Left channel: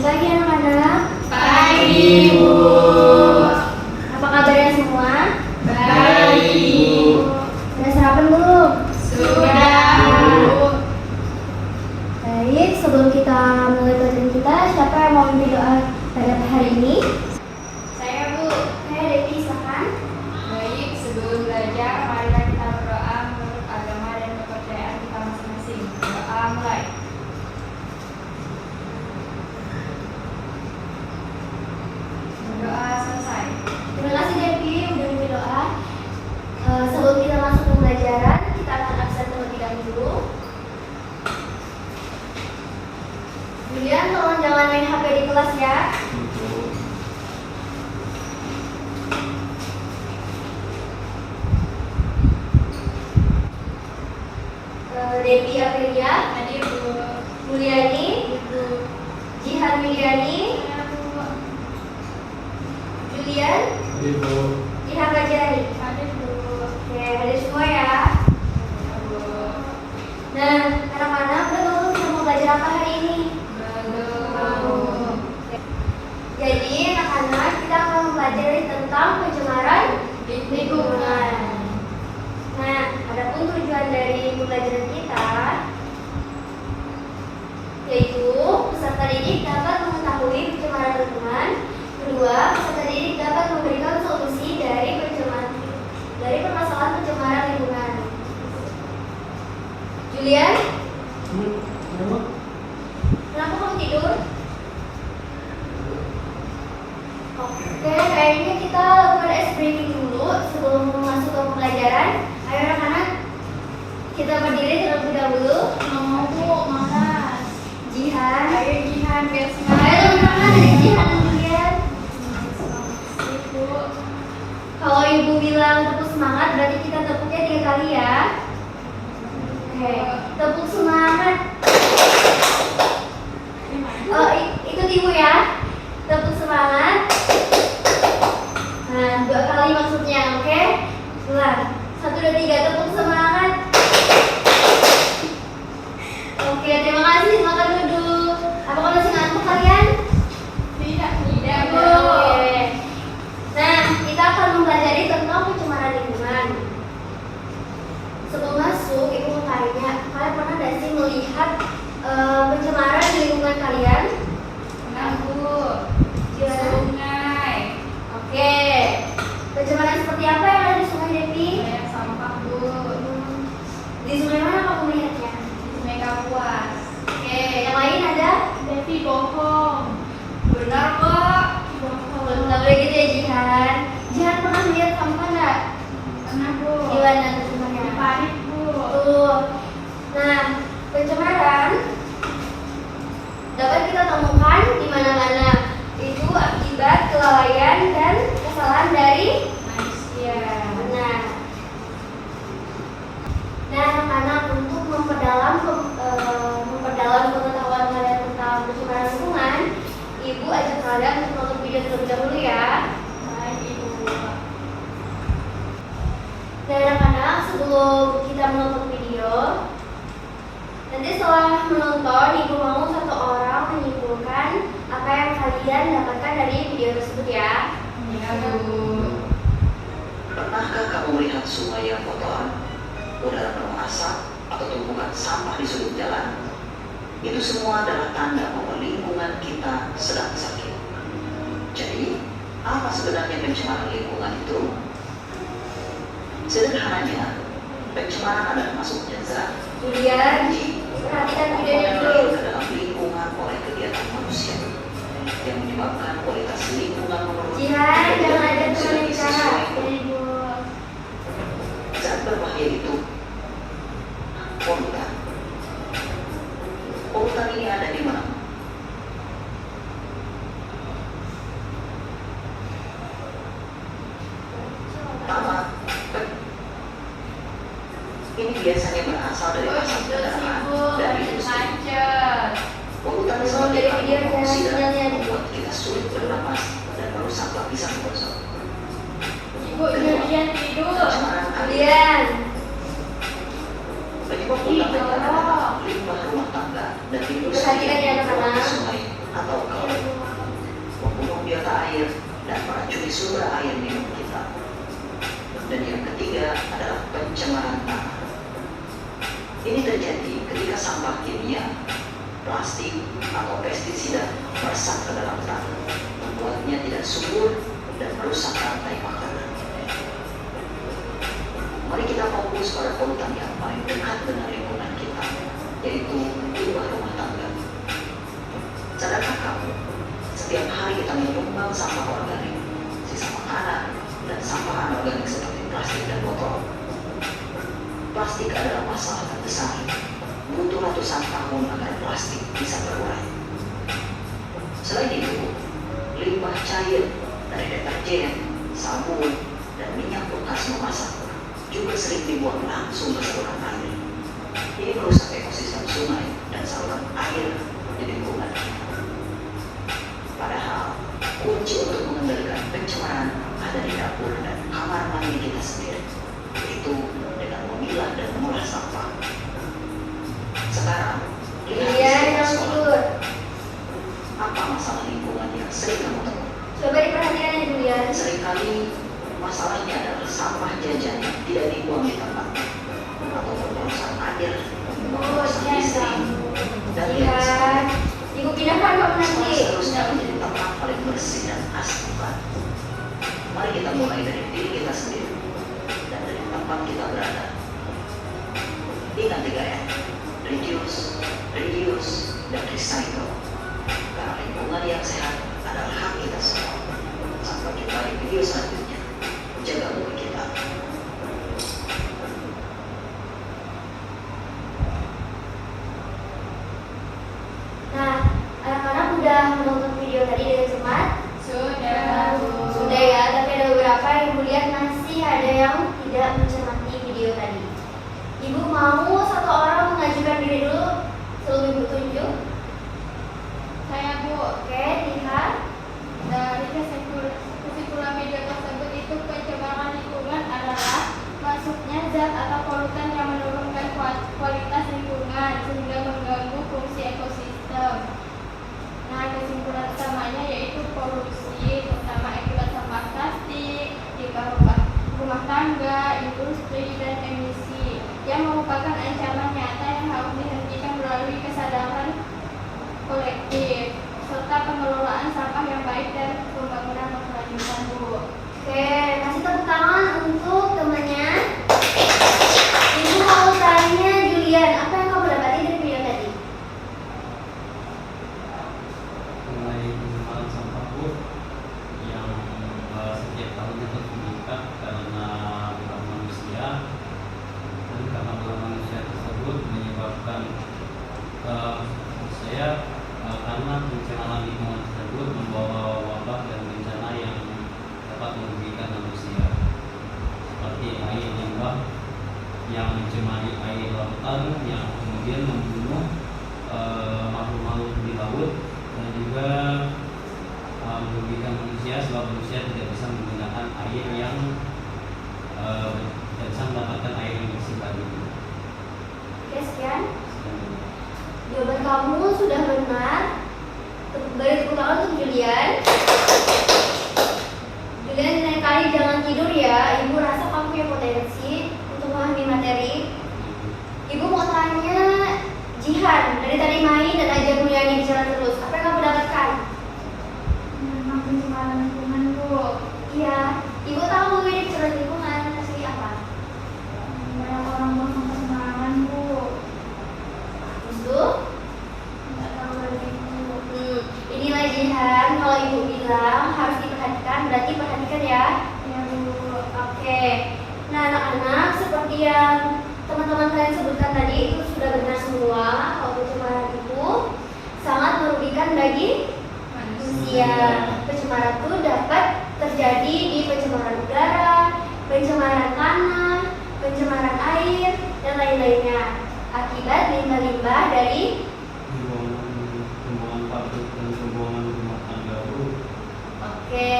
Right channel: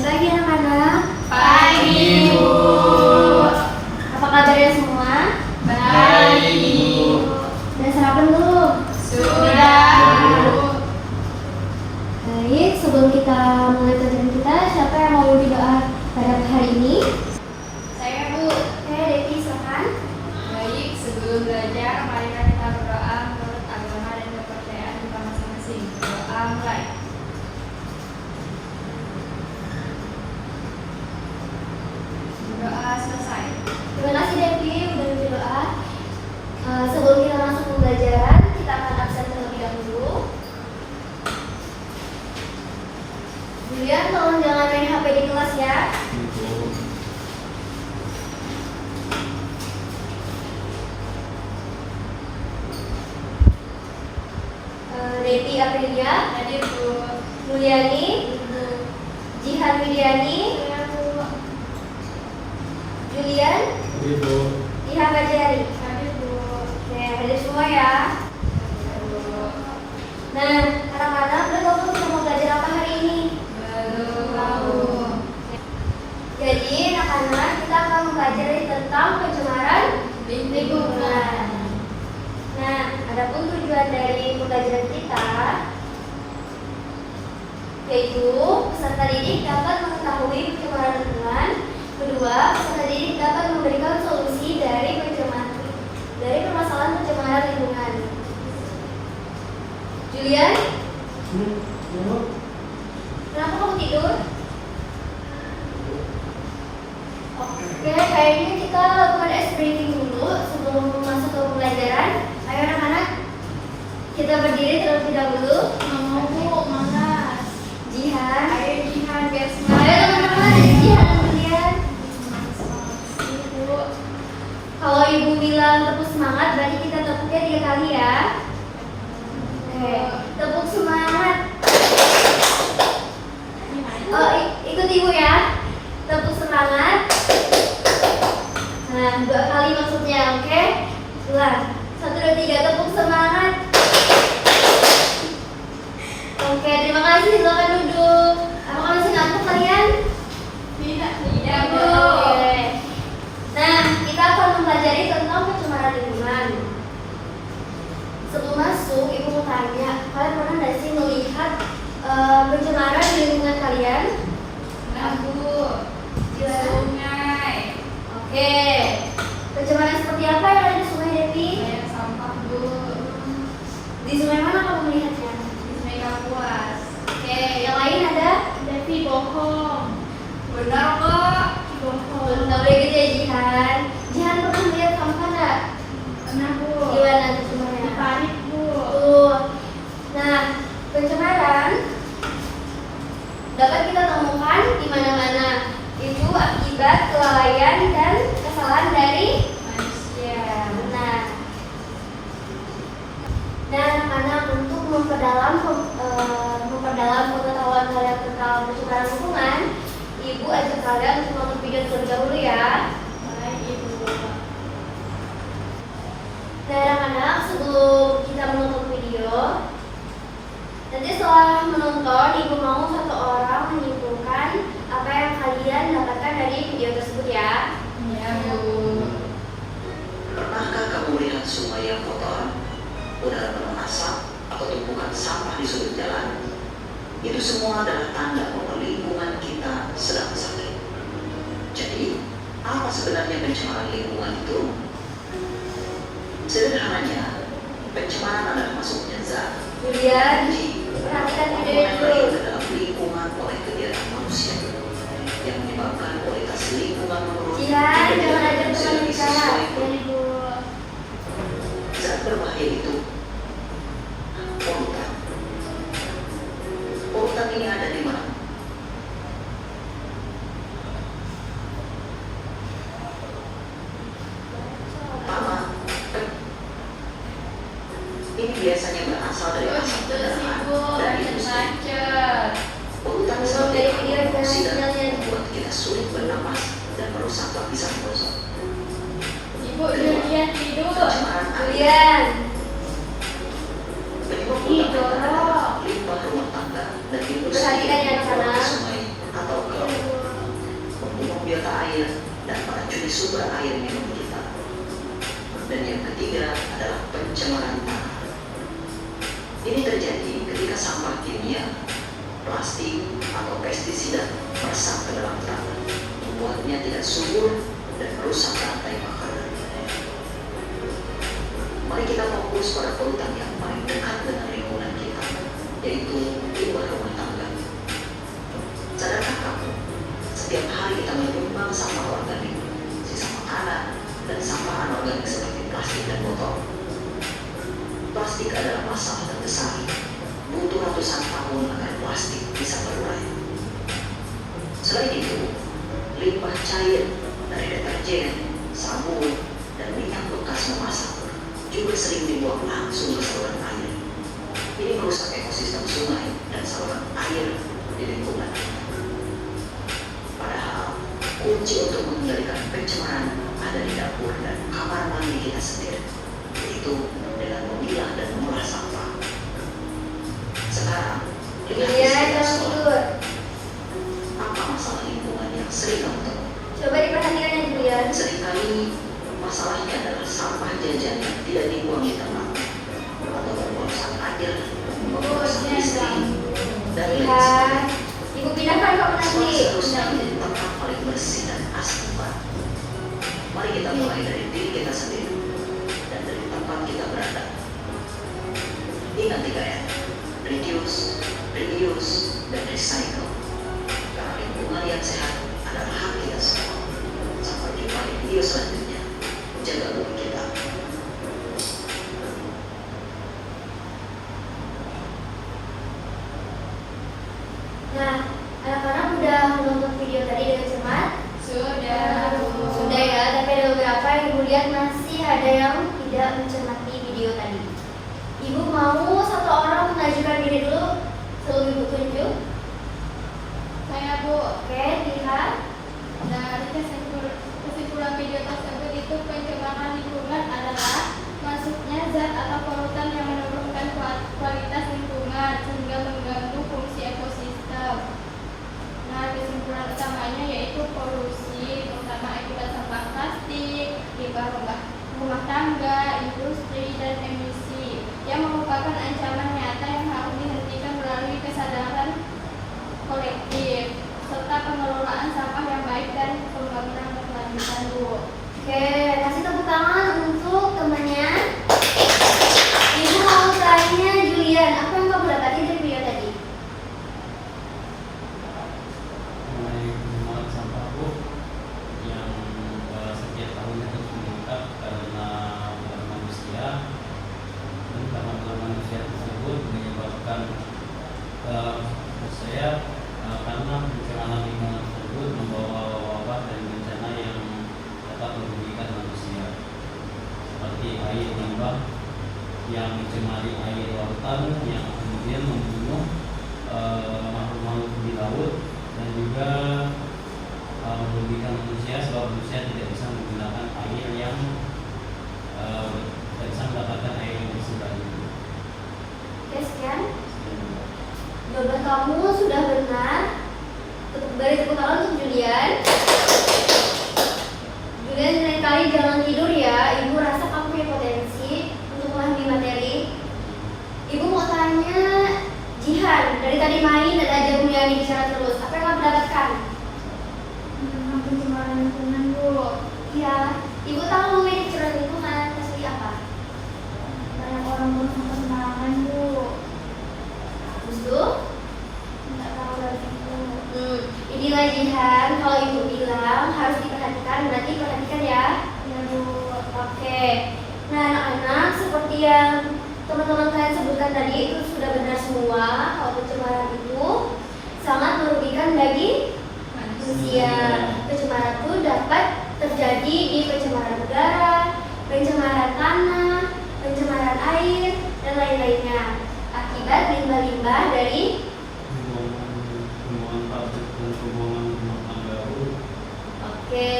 Selamat pagi anak-anak. Pagi, Bu. Apa kabarnya semua? Baik, Bu. Sudah sarapan belum? Sudah, Bu. Baik, sebelum kita mulai pelajaran kita, siapa yang mau memimpin doa pada hari ini? Saya, Bu. Oke, Devi, silakan. Baik, sebelum belajar, marilah kita berdoa menurut agama dan kepercayaan kita masing-masing. Doa mulai. Doa selesai. Terima kasih Devi udah memimpin doa. Sebelum kita masuk ke pembelajaran, kita akan absen terlebih dahulu. Julian, tolong jangan main HP di kelas ya. Devi Aprilia, Hadir, Bu. Mulyani, Jihan Widiani, Julian, Jihan Bajari. Hadir, Bu. Oke, hadir semua ya. Hadir, Bu. Nah, anak-anak udah tahu kita mau belajar apa hari ini? Belum. Jadi, anak-anak kita akan mempelajari tentang pencemaran lingkungan. Nah, adapun tujuan dari pembelajaran kita yaitu peserta didik dapat mengetahui pencemaran lingkungan. Kedua, peserta didik dapat memberikan solusi dari permasalahan pencemaran lingkungan. Julian, kenapa kamu tidur? Oke, kayaknya kita lakukan ice breaking dulu sebelum masuk ke pembelajaran. Ayo anak-anak, kita berdiri terlebih dahulu. Mau, Bu. Malas. Jihan. Ayo, Jihan, biar Ayo semangat. teman-teman, dari Jihan dan Julian. Bu. Kalau ibu bilang tepuk semangat, berarti kita tepuknya 3 kali ya. Oke, tepuk semangat. Ikut ibu ya. Tepuk semangat. Nah, 2 kali maksudnya, oke? Ulang. 1, 2, 3, tepuk semangat. Oke, terima kasih. Silakan duduk. Apakah masih ngantuk kalian? Tidak, Bu. Oke. Nah, kita akan mempelajari tentang pencemaran lingkungan. Sebelum masuk, ibu mau tanya, kalian pernah nggak sih melihat pencemaran di lingkungan kalian? Nah, Bu. Gimana? Sungai. Oke. Pencemaran seperti apa yang ada di Sungai Devi? Banyak sampah, Bu. Di sungai mana kamu melihatnya? Di Sungai Kapuas. Oke, yang lain ada? Devi bohong. Benar kok. Bohong. Nggak boleh gitu ya, Jihan. Jihan pernah melihat sampah nggak? Pernah, Bu. Gimana tuh semuanya? Panik, Bu. Tuh. Nah, pencemaran dapat kita temukan di mana-mana. Itu akibat kelalaian dan kesalahan dari Manusia. benar. Nah, anak-anak, untuk memperdalam pengetahuan kalian tentang pencemaran lingkungan, ibu ajak kalian untuk nonton video terlebih dahulu ya. Baik, Ibu. Nah, anak-anak, sebelum kita menonton video, nanti setelah menonton, ibu mau satu orang menyimpulkan apa yang kalian dapatkan dari video tersebut ya. Ya, Bu. Pernahkah kamu melihat sungai yang kotor, udara penuh asap, atau tumpukan sampah di sudut jalan? Itu semua adalah tanda bahwa lingkungan kita sedang sakit. Jadi, apa sebenarnya pencemaran lingkungan itu? Sederhananya, pencemaran adalah masuknya zat, Kemudian, energi, perhatikan atau videonya komponen dulu. lain ke dalam lingkungan oleh kegiatan manusia yang menyebabkan kualitas lingkungan menurun. Jihan, jangan ajak Tidak teman bicara. sesuai. Ibu. Zat berbahaya itu polutan. Polutan ini ada di mana? Pertama, ini biasanya berasal dari Oh, asap gitu sih, kendaraan Bu. dan Lagi industri. macet. Polutan Belum seperti dari karbon video ada dioksida sinyalnya. membuat kita sulit bernapas dan merusak lapisan ozon. Ibu, Julian tidur. Pencemaran air Julian. penyebab Ih, utama adalah dorong. limbah rumah tangga dan industri Perhatikan ya, anak-anak. yang sungai atau ke dan meracuni sumber air minum kita. Dan yang ketiga adalah pencemaran tanah. Ini terjadi ketika sampah kimia, plastik, atau pestisida meresap ke dalam tanah, membuatnya tidak subur dan merusak rantai makanan. Mari kita fokus pada polutan yang paling dekat dengan lingkungan kita, yaitu limbah rumah tangga. Sadarkah kamu, setiap hari kita menyumbang sampah organik, sisa makanan, dan sampah anorganik seperti plastik dan botol. Plastik adalah masalah terbesar. Butuh ratusan tahun agar plastik bisa berurai. Selain itu, limbah cair dari deterjen, sabun, dan minyak bekas memasak juga sering dibuang langsung ke saluran air. Ini merusak ekosistem sungai dan saluran air di lingkungan. Padahal, kunci untuk mengendalikan pencemaran ada di dapur dan kamar mandi kita sendiri, yaitu dengan memilah dan mengolah sampah. Sekarang, Julian, jangan tidur. apa masalah lingkungan yang sering kamu temui? Coba diperhatikan ya Julian. Seringkali masalahnya adalah sampah jajan yang tidak dibuang di tempat, atau perusahaan air, perusahaan listrik, dan Lihat, ibu pindahkan kamu sekolah nanti. seharusnya menjadi tempat paling bersih dan asli. Mari kita mulai dari diri kita sendiri dan dari tempat kita berada. Ingat 3R: reduce, reuse, dan recycle. Karena lingkungan yang sehat adalah hak kita semua. Sampai jumpa di video selanjutnya. Jaga bumi kita. Nah, anak-anak udah menonton video tadi dengan cermat? Sudah, Bu. Sudah ya, tapi ada beberapa yang ibu lihat masih ada yang tidak mencermati video tadi. Ibu mau satu orang mengajukan diri dulu sebelum ibu tunjuk. Saya, Bu. Oke, lihat. Dari kesimpulan video tersebut itu pencemaran lingkungan adalah masuknya zat atau polutan yang menurunkan kualitas lingkungan sehingga mengganggu fungsi ekosistem. Nah, kesimpulan utamanya yaitu polusi terutama akibat sampah plastik, limbah rumah tangga, industri, dan emisi yang merupakan ancaman nyata yang harus dihentikan melalui kesadaran kolektif serta pengelolaan sampah yang baik dan pembangunan berkelanjutan, Bu. Oke, kasih tepuk tangan untuk temannya. Ibu mau tanya Julian, apa yang kamu dapati dari video tadi? Mulai pengenalan sampah Bu yang setiap tahunnya terus meningkat karena ulah manusia, dan karena ulah manusia tersebut menyebabkan menurut saya karena pencemaran lingkungan tersebut membawa wabah dan bencana yang dapat merugikan manusia, seperti air limbah yang mencemari air lautan yang kemudian membunuh makhluk-makhluk di laut, dan juga merugikan manusia sebab manusia tidak bisa menggunakan air yang tidak bisa mendapatkan air yang bersih lagi. Oke, sekian. Jawaban kamu sudah benar. Beri tepuk tangan untuk Julian. Julian, lain kali jangan tidur ya. Ibu rasa kamu punya potensi untuk memahami materi. Ibu mau tanya Jihan, dari tadi main dan aja Mulyani bicara terus. Apa yang kamu dapatkan? Tentang pencemaran lingkungan, Bu. Iya, ibu tahu ini bicara lingkungan. Kasih apa? Banyak orang buang sampah sembarangan, Bu. Terus tuh? Nggak tahu lagi, Bu. Inilah Jihan. Kalau ibu bilang harus diperhatikan, berarti perhatikan ya. Ya, Bu. Oke. Nah, anak-anak, seperti yang teman-teman kalian sebutkan tadi itu sudah benar semua. Kalau pencemaran itu sangat merugikan bagi manusia. Pencemaran itu dapat terjadi di pencemaran udara, pencemaran tanah, pencemaran air, dan lain-lainnya akibat limbah-limbah dari Pembuangan pabrik dan pembuangan rumah tangga Bu. Oke.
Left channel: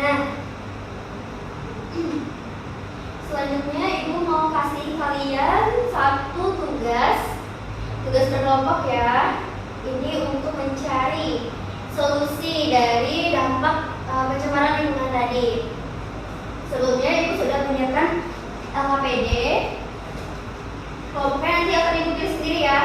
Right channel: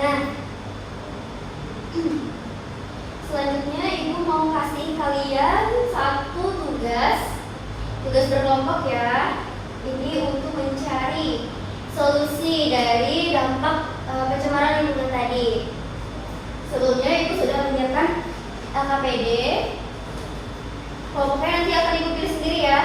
Nah, selanjutnya ibu mau kasih kalian satu tugas berkelompok ya. Ini untuk mencari solusi dari dampak pencemaran lingkungan tadi. Sebelumnya Ibu sudah menyiapkan LKPD. Kelompoknya nanti akan Ibu pilih sendiri ya.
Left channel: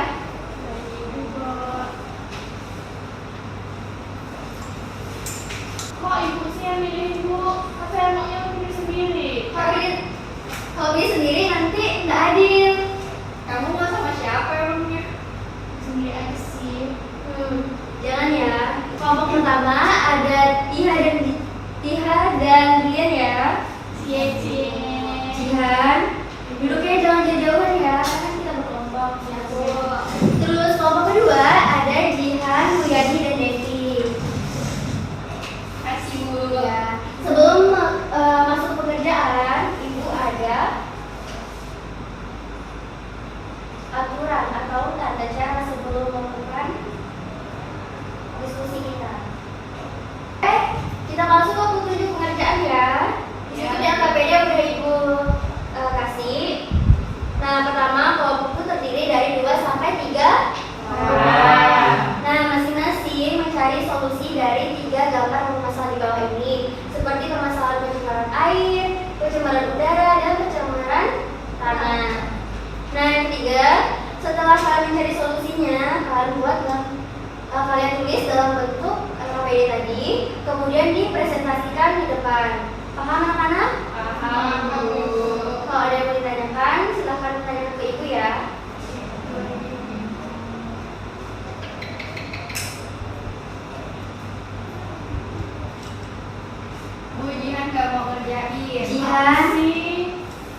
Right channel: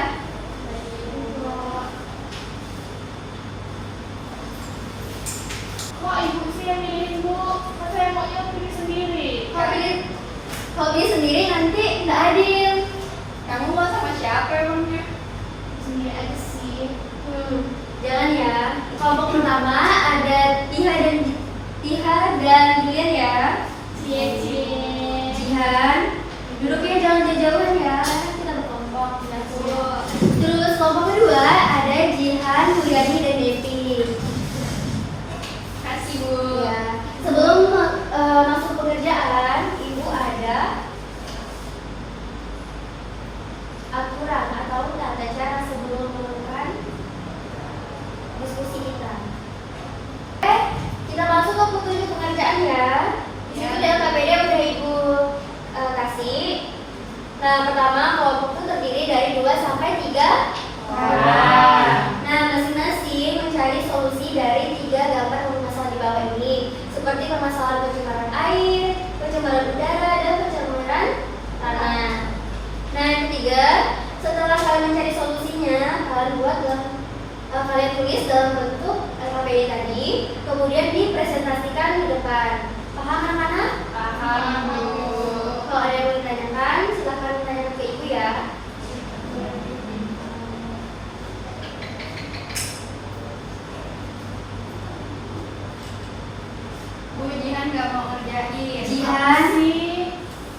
Kok ibu sih yang milih ibu? Kan saya maunya pilih sendiri. Kalau pilih sendiri nanti nggak adil. Kamu mau sama siapa emangnya? Sendiri aja sih. Jangan ya. Kelompok pertama ada Tiha dan Julian ya. Jihan, duduknya jangan jauh-jauhan ya, kan kita berkelompok ya. Terus kelompok kedua ada Jihan, Mulyani dan Devi. Kasih bu. Ya. Sebelum masuk ke pekerjaan, Ibu ada aturan atau tata cara sebelum melakukan diskusi kita. Kita langsung ke petunjuk pengerjaan ya. Di situ di LKPD udah Ibu kasih. Nah, pertama kelompok itu terdiri dari 2 sampai 3 orang. Nah, masing-masing mencari solusi dari 3 gambar masalah di bawah ini, seperti permasalahan pencemaran air, pencemaran udara, dan pencemaran tanah. Nah, yang ketiga, setelah kalian mencari solusinya, kalian tulis dalam bentuk LKPD tadi, kemudian dipresentasikan di depan. Paham anak-anak? Paham bu. Kalau ada yang mau ditanyakan, silahkan tanyakan ke Ibu ya. Bu Jihan gak mau ngerjain. Jihan? sih?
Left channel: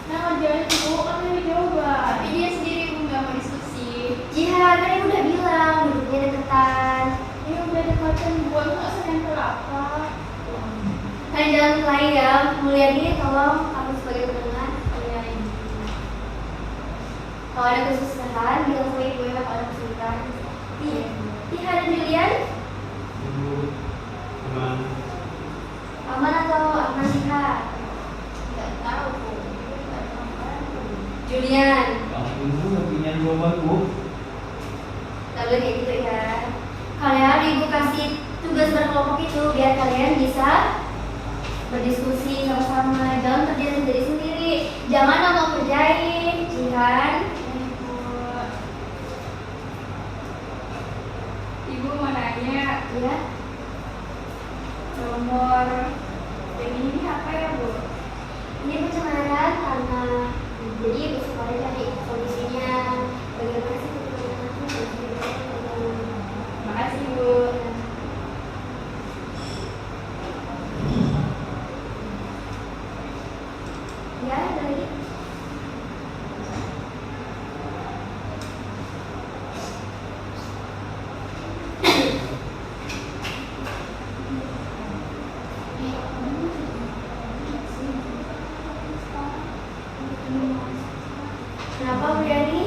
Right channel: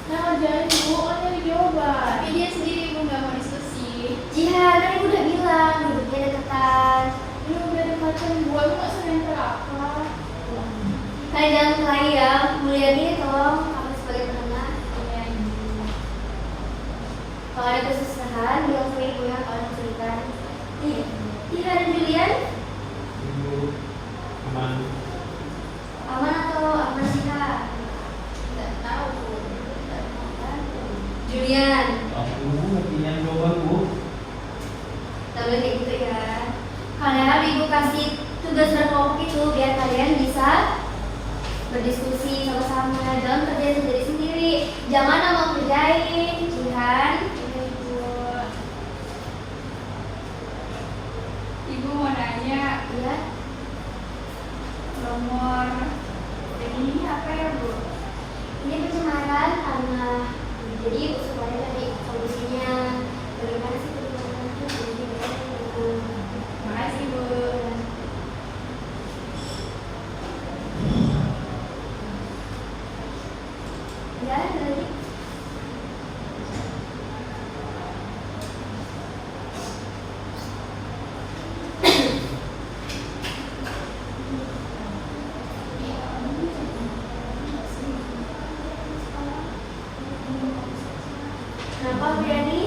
Nah ngerjain bu, kan dari jawaban. Tapi dia sendiri bu gak mau diskusi. Jihan, kan Ibu udah bilang, duduknya deketan. Ini udah dekatan bu, aku gak senempel apa. Kalian jangan kelahi ya. Mulyani, tolong kamu sebagai penengah. Iya ibu. Kalau ada kesusahan, bilang ke Ibu ya, kalau ada kesulitan. Tiha dan Julian, Ibu aman. aman atau aman Tiha? Gak tahu bu. Julian, Ibu pilihan jawaban Bu. lalu kayak gitu ya. Kalian Ibu kasih tugas berkelompok itu biar kalian bisa berdiskusi sama-sama, jangan kerja sendiri-sendiri. Jangan mau kerjain, Jihan. Ibu mau nanya, Ya, nomor ini apa ya bu? ini pencemaran tanah. Jadi Ibu semuanya tadi solusinya bagaimana sih Makasih bu. Ya, ada lagi. Kenapa Mulyani?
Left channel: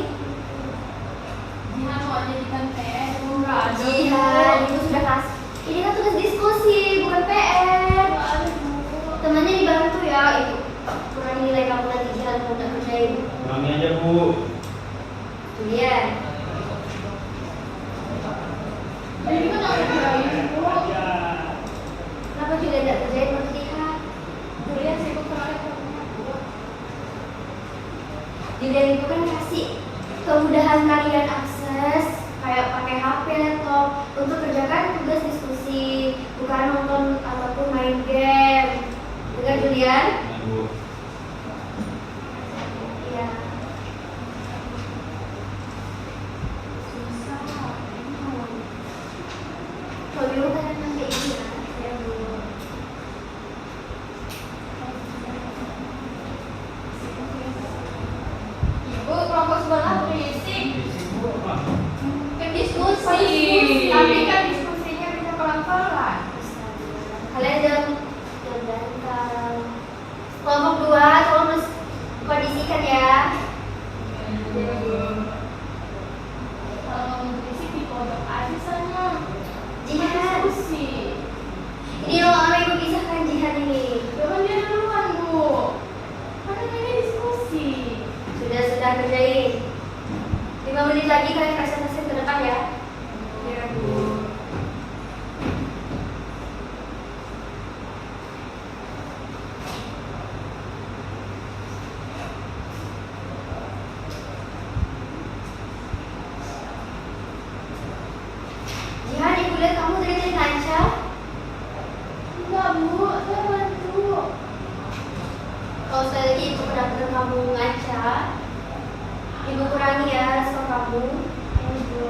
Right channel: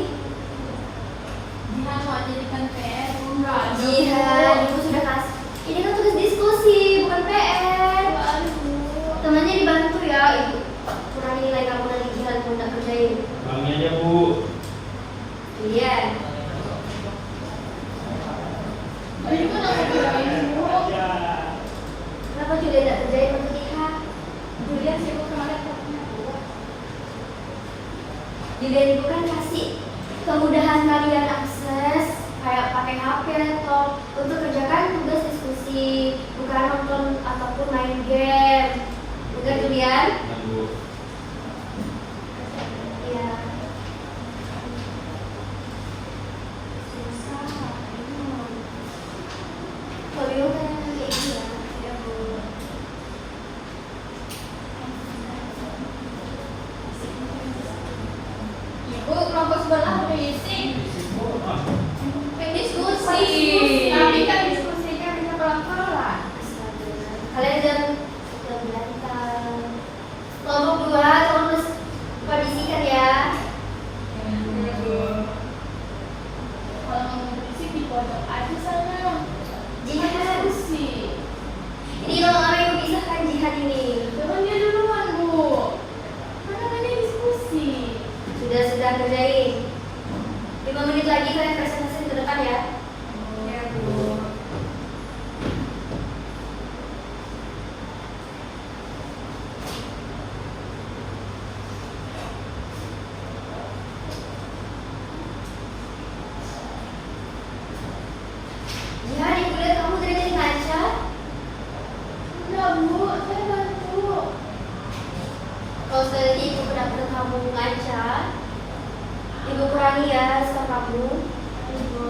Jihan mau jadikan PR bu. Jihan, Ibu sudah kasih. Ini kan tugas diskusi, bukan PR. Temannya dibantu ya, Ibu. Kurang nilai kamu nanti Jihan nggak kerjain. Kami aja Bu. Julian, Ini kan aku kirain bu. kenapa Julian nggak kerjain waktu Tiha? Julian sih bu pernah lihat temennya bu. Julian Ibu kan kasih kemudahan kalian akses kayak pakai HP, laptop untuk kerjakan tugas diskusi, bukan nonton ataupun main game. Bukan Julian? Nah, Bu. Iya. Kalau bingung tanyakan ke Ibu ya. Ya Bu. Ibu kelompok sebelah berisik. Berisik, Bu. Ah. Kan diskusi. Tapi kan diskusinya bisa pelan-pelan. Kalian jangan berantam. Kelompok 2 tolong kondisikan ya. Kalau ngomong berisik di pojok aja sana. Jihan, Diskusi. ini lo sama Ibu pisahkan Jihan ini. Jangan dia duluan bu. Karena ini diskusi. Sudah kerjain. 5 menit lagi kalian presentasi ke depan ya. Ya bu. Bu, saya bantu. Kalau tadi ibu kedapatan kamu ngaca, ibu kurangi ya stok kamu. Ibu.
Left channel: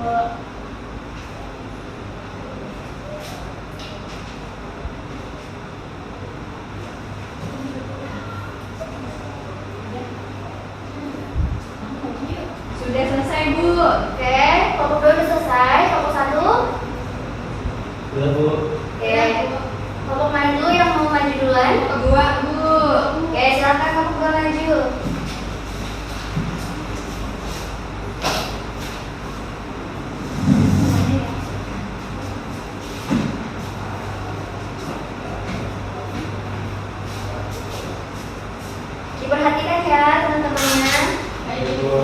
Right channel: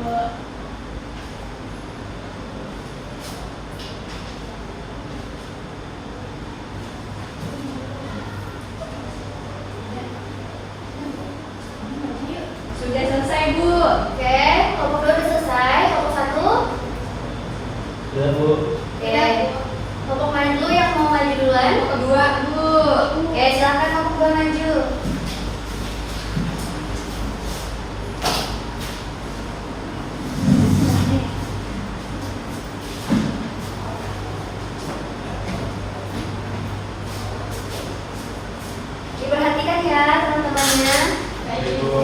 Sudah selesai, Bu. Oke, kelompok 2 udah selesai. Kelompok 1. Sudah Bu. Oke. Kelompok main dulu yang mau maju duluan. Kedua, Bu. Oke, silakan kelompok 2 maju. Diperhatikan ya teman-temannya. Baik, Bu. Bu.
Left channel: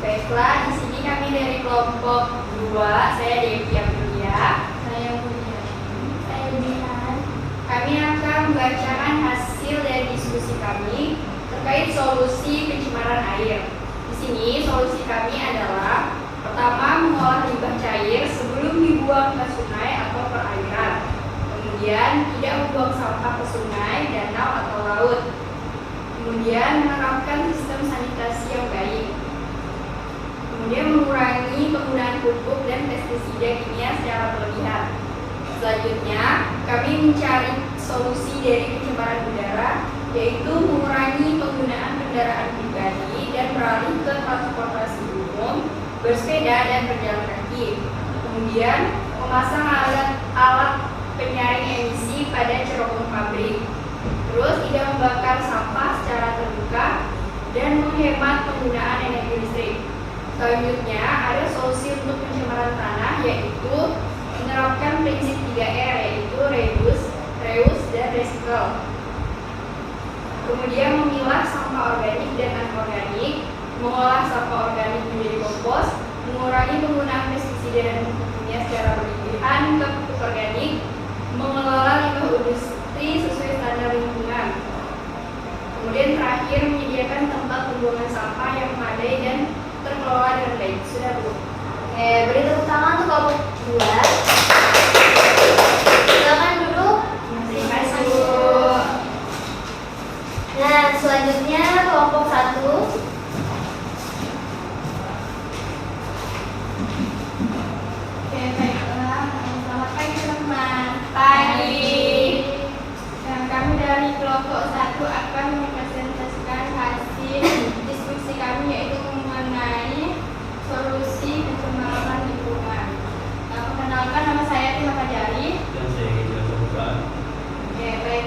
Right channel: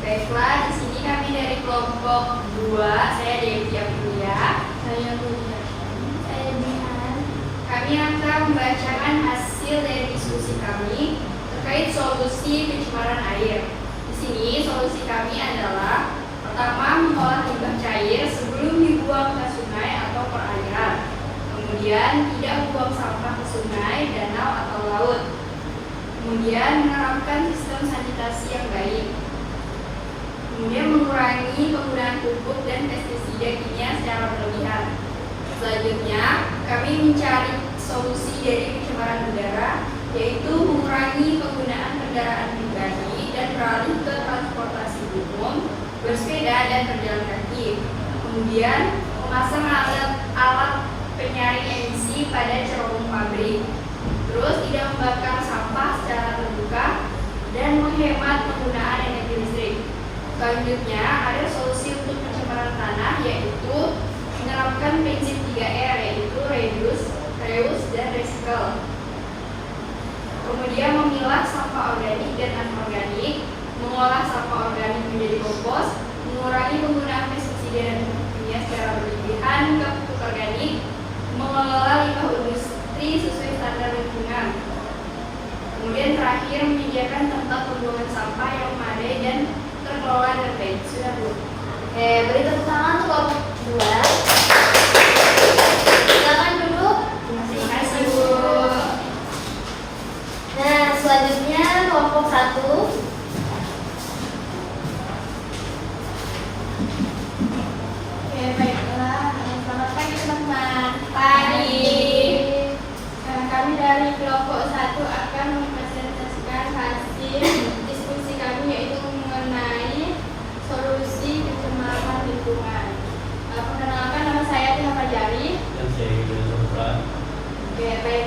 Baiklah, di sini kami dari kelompok 2. Saya Devi Aprilia. Saya Buya. Saya Bihan. Kami akan membacakan hasil dari diskusi kami terkait solusi pencemaran air. Di sini solusi kami adalah pertama, mengolah limbah cair sebelum dibuang ke sungai atau perairan. Kemudian tidak membuang sampah ke sungai, danau atau laut. Kemudian menerapkan sistem sanitasi yang baik. Kemudian mengurangi penggunaan pupuk dan pestisida kimia secara berlebihan. Selanjutnya, kami mencari solusi dari pencemaran udara, yaitu mengurangi penggunaan kendaraan pribadi dan beralih ke transportasi umum, bersepeda dan berjalan kaki. Kemudian, memasang alat penyaring emisi pada cerobong pabrik. Terus, tidak membakar sampah secara terbuka dan menghemat penggunaan energi listrik. Selanjutnya, ada solusi untuk pencemaran tanah, yaitu menerapkan prinsip 3R, yaitu reduce, reuse, dan recycle. Kemudian memilah sampah organik dan anorganik, mengolah sampah organik menjadi kompos, mengurangi penggunaan pestisida dan pupuk kimia secara berlebihan ke pupuk organik, mengelola limbah industri sesuai standar lingkungan. Kemudian terakhir menyediakan tempat pembuangan sampah yang memadai dan terkelola dengan baik. Sudah, Bu. Oke, beri tepuk tangan untuk kelompok 2. Silakan duduk. Terima kasih, Bu. Nah, selanjutnya kelompok 1. Oke, baiklah. Selamat pagi, teman-teman. Pagi. Nah, kami dari kelompok 1 akan mempresentasikan hasil diskusi kami, yaitu mengenai solusi pencemaran lingkungan. Perkenalkan, nama saya Tina Fajari. Dan saya Gideon Saputra. Oke, baik.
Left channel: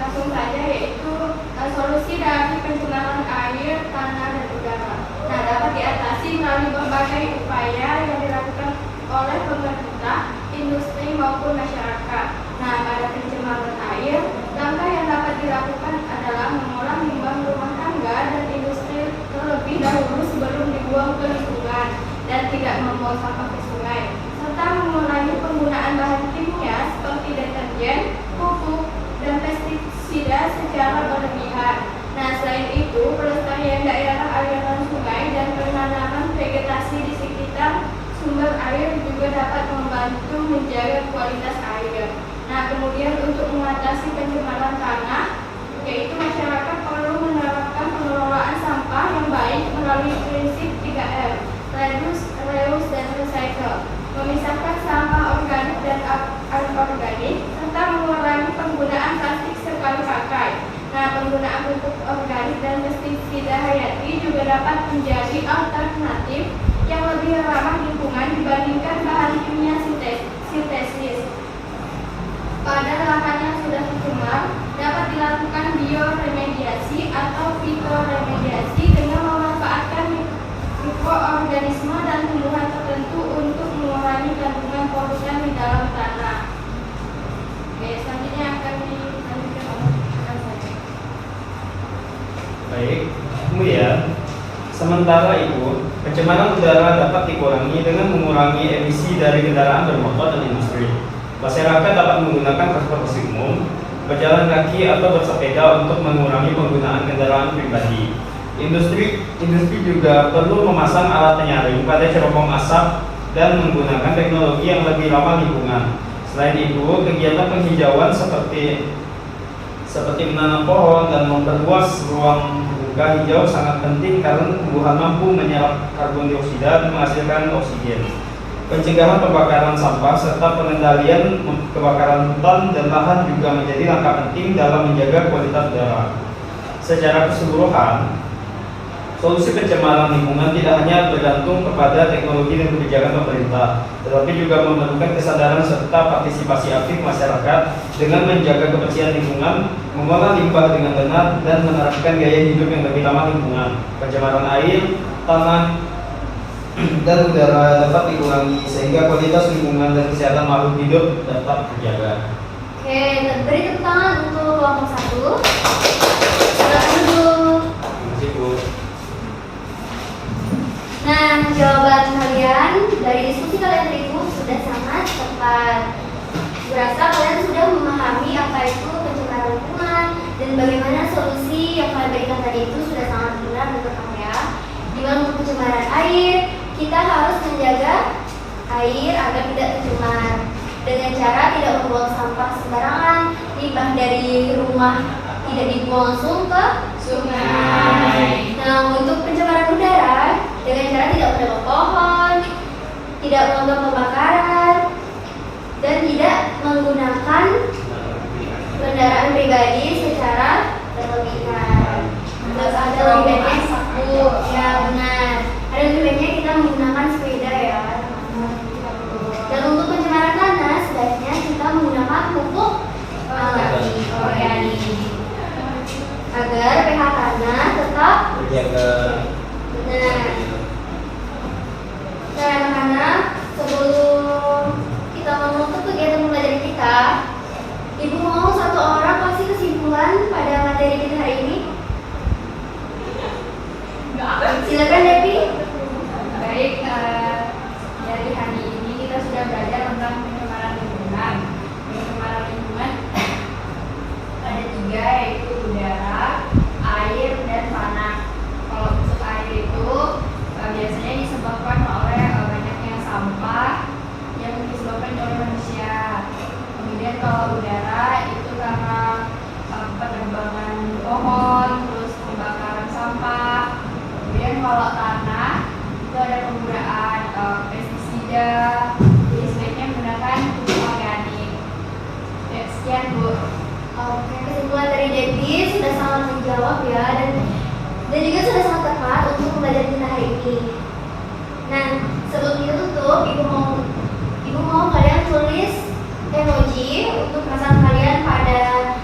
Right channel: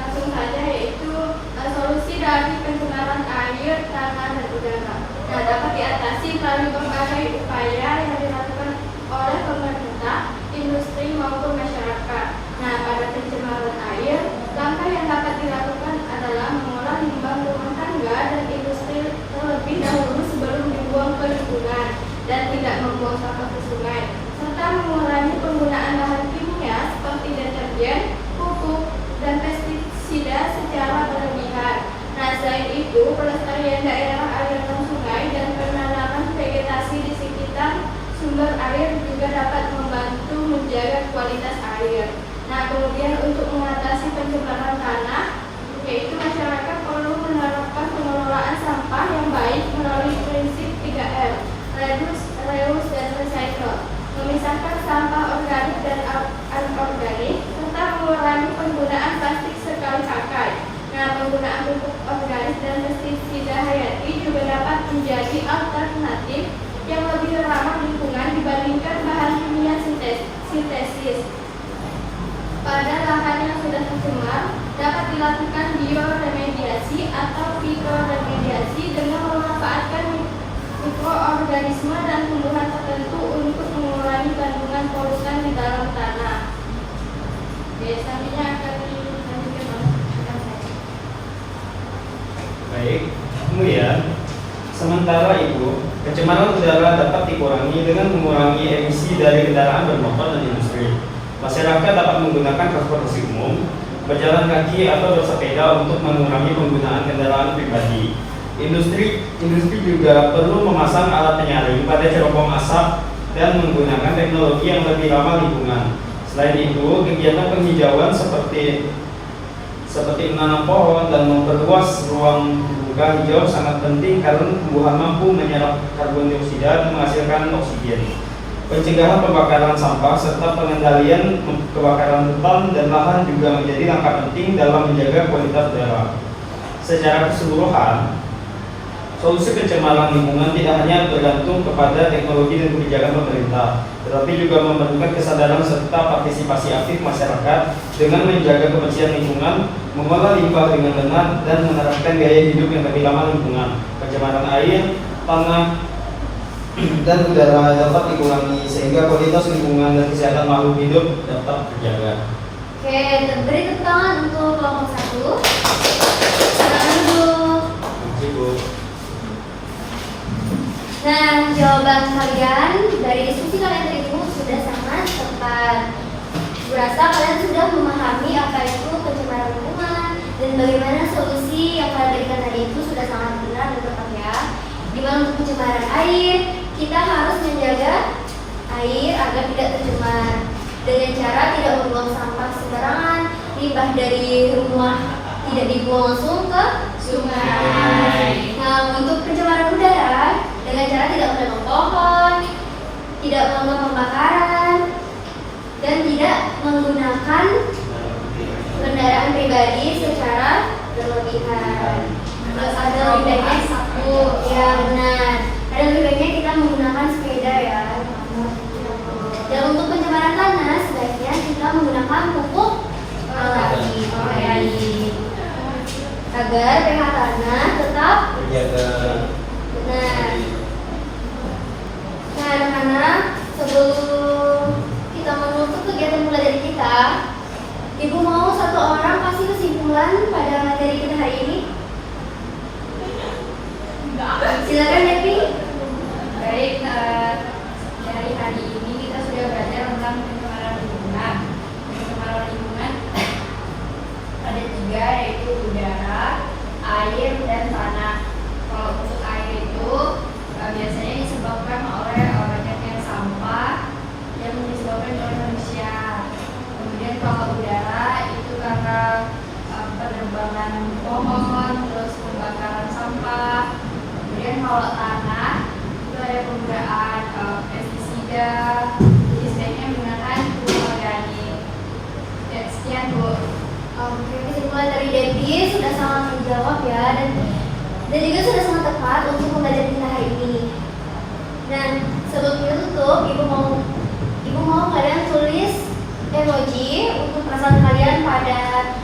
Langsung saja, yaitu solusi dari pencemaran air, tanah, dan udara. Nah, dapat diatasi melalui berbagai upaya yang dilakukan oleh pemerintah, industri maupun masyarakat. Nah, pada pencemaran air, langkah yang dapat dilakukan adalah mengolah limbah rumah tangga dan industri terlebih dahulu sebelum dibuang ke lingkungan dan tidak membuang sampah ke sungai, serta mengurangi penggunaan bahan kimia seperti deterjen, pupuk, dan pestisida secara berlebihan. Nah, selain itu, pelestarian daerah aliran sungai dan penanaman vegetasi di sekitar sumber air juga dapat membantu menjaga kualitas air. Nah, kemudian untuk mengatasi pencemaran tanah, yaitu masyarakat perlu menerapkan pengelolaan sampah yang baik melalui prinsip 3R, reduce, reuse, dan recycle, memisahkan sampah organik dan anorganik, serta mengurangi penggunaan plastik sekali pakai. Nah, penggunaan pupuk organik dan pestisida hayati juga dapat menjadi alternatif yang lebih ramah lingkungan dibandingkan bahan kimia sintesis. Pada lahan yang sudah tercemar, dapat dilakukan bioremediasi atau fitoremediasi dengan memanfaatkan mikroorganisme dan tumbuhan tertentu untuk mengurangi kandungan polutan di dalam tanah. Oke, selanjutnya akan dilanjutkan oleh rekan saya. Baik, kemudian sementara itu pencemaran udara dapat dikurangi dengan mengurangi emisi dari kendaraan bermotor dan industri. Masyarakat dapat menggunakan transportasi umum, berjalan kaki atau bersepeda untuk mengurangi penggunaan kendaraan pribadi. Industri juga perlu memasang alat penyaring pada cerobong asap dan menggunakan teknologi yang lebih ramah lingkungan, Selain itu, kegiatan penghijauan seperti menanam pohon dan memperluas ruang terbuka hijau sangat penting karena tumbuhan mampu menyerap karbon dioksida dan menghasilkan oksigen. Pencegahan pembakaran sampah serta pengendalian kebakaran hutan dan lahan juga menjadi langkah penting dalam menjaga kualitas udara. Secara keseluruhan, solusi pencemaran lingkungan tidak hanya bergantung kepada teknologi dan kebijakan pemerintah, tetapi juga memerlukan kesadaran serta partisipasi aktif masyarakat dengan menjaga kebersihan lingkungan, mengolah limbah dengan benar, dan menerapkan gaya hidup yang lebih ramah lingkungan. Pencemaran air, tanah, dan udara dapat dikurangi sehingga kualitas lingkungan dan kesehatan makhluk hidup dapat terjaga. Oke, beri tepuk tangan untuk kelompok 1. Silakan duduk. Cukup. Nah, jawaban kalian dari diskusi kalian tadi itu sudah sangat tepat. Berasa kalian sudah memahami apa itu pencemaran lingkungan dan bagaimana solusi yang kalian berikan tadi itu sudah sangat benar dan tepat ya. Dimana untuk pencemaran air, kita harus menjaga air agar tidak tercemar dengan cara tidak membuang sampah sembarangan, limbah dari rumah tidak dibuang langsung ke sungai. Nah, untuk pencemaran udara dengan cara tidak menebang pohon, tidak melakukan pembakaran, dan tidak menggunakan kendaraan pribadi secara berlebihan. Terus ada lebih baiknya ya benar. Ada lebih baiknya kita menggunakan sepeda ya. Dan untuk pencemaran tanah, sebaiknya kita menggunakan pupuk organik agar pH tanah tetap Terjaga. benar. Nah, anak-anak, sebelum kita menutup kegiatan belajar kita, Ibu mau satu orang kasih kesimpulan pada materi kita hari ini? Silakan Devi. Baik, dari hari ini kita sudah belajar tentang pencemaran lingkungan. Pencemaran lingkungan ada 3, yaitu udara, air, dan tanah. Kalau untuk air itu biasanya disebabkan oleh banyaknya sampah yang disebabkan oleh manusia. Kemudian kalau udara itu karena penerbangan pohon, terus pembakaran sampah. Kemudian kalau tanah itu ada penggunaan pestisida, jadi sebaiknya menggunakan pupuk organik. Ya, sekian Bu. Oke, kesimpulan dari Devi sudah sangat menjawab ya, dan juga sudah sangat tepat untuk pembelajaran kita hari ini. Nah, sebelum kita tutup, Ibu mau kalian tulis emoji untuk perasaan kalian pada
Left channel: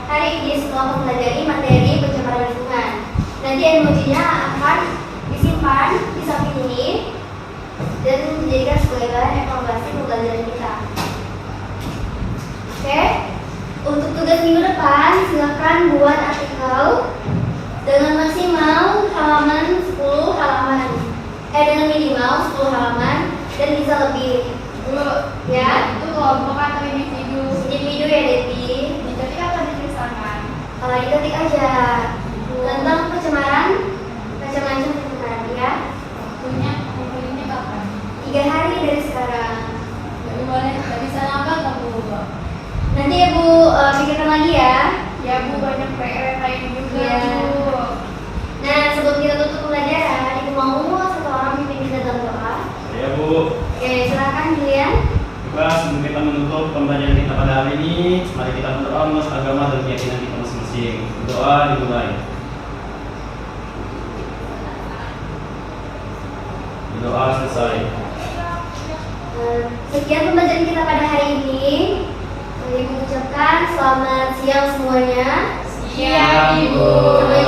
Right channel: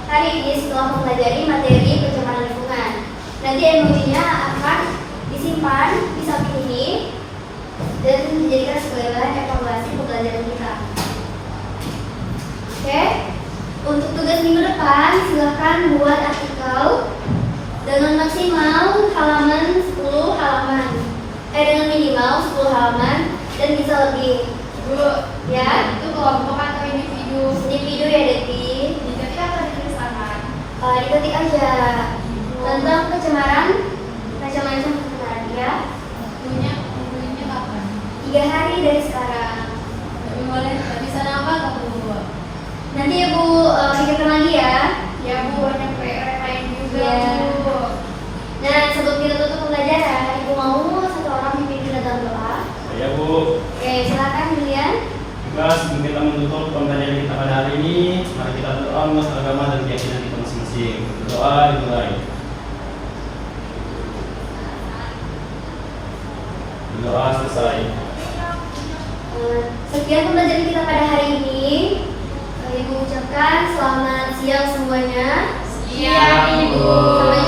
hari ini setelah mempelajari materi pencemaran lingkungan. Nanti emojinya akan disimpan di samping ini dan dijadikan sebagai bahan evaluasi pembelajaran kita. Oke, untuk tugas minggu depan silahkan buat artikel dengan maksimal halaman 10 halaman, dengan minimal 10 halaman dan bisa lebih. Bu, Ya, itu kelompok atau individu? individu ya Devi. Diketik atau ditulisangan? Diketik aja tentang pencemaran, macam-macam pencemaran ya. Waktunya kapan? 3 hari dari sekarang. Jadi boleh bisa apa nggak Bu? Nanti ya Bu pikirkan lagi ya. Ya Bu, banyak PR lain juga Iya. Bu. Nah, sebelum kita tutup pembelajaran, Ibu mau satu orang pimpin kita dalam doa. Ya Bu. Oke, silakan Julian. Baiklah, sebelum kita menutup pembelajaran kita pada hari ini, mari kita berdoa menurut agama dan keyakinan kita masing-masing. Berdoa dimulai. Berdoa selesai. Sekian pembelajaran kita pada hari ini. Ibu ucapkan selamat siang semuanya. Siang Ibu. Sampai